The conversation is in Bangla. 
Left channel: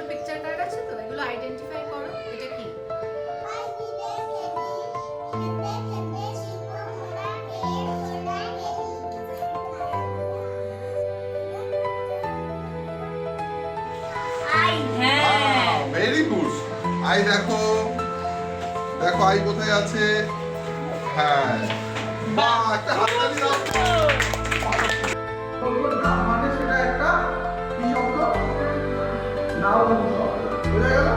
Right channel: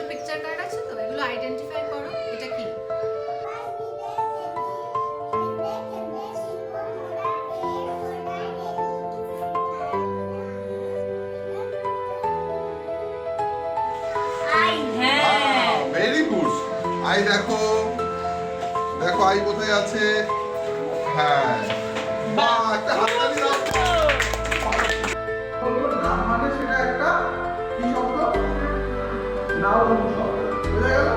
দুটো পিকচার কার্ড আছে তো, এগুলো আইডেন্টিফাই করো। এটা কি? Very good. আই দেখো, দেখো আই কোথায় আছে। হ্যাঁ, বাহ, একটা হাততালি দাও। বলবো নাম মানে সেটা একটা কি শব্দ? নাউন শব্দ। বোঝা গেল?